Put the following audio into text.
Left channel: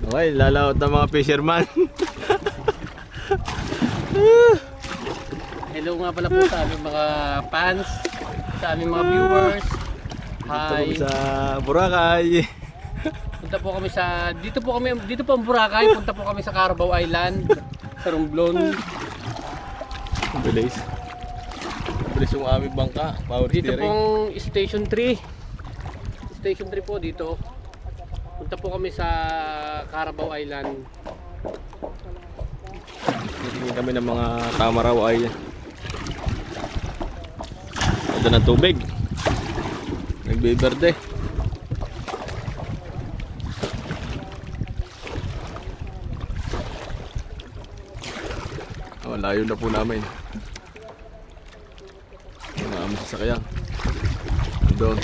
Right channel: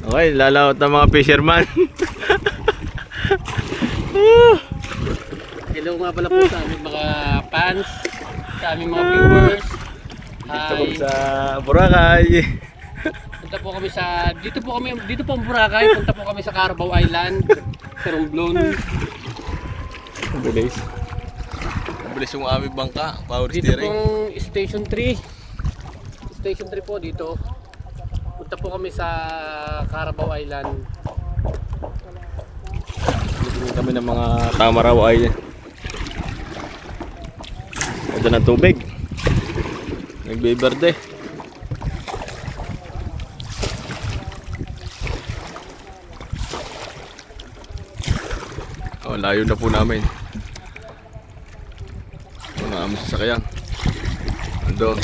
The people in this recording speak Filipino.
Okay, lalaot ng mga fisherman. Hello nga pala po sa aming mga fans, sa aming mga viewers. Dito kami Hi. sa Boracay. Punta po kami sa dito po ang Boracay. Punta po kami sa Carabao Island, sa Romblon. Mabilis. Mabilis yung aming bangka. Power Dito steering. pong Station 3. Station 3 po dito. Punta po kami sa Carabao Island. Titingin kami ng mga tamaraw ay ito ng tubig. Nagbiberde. Oh, layo na po namin. Mga aming sasakyan. Andun.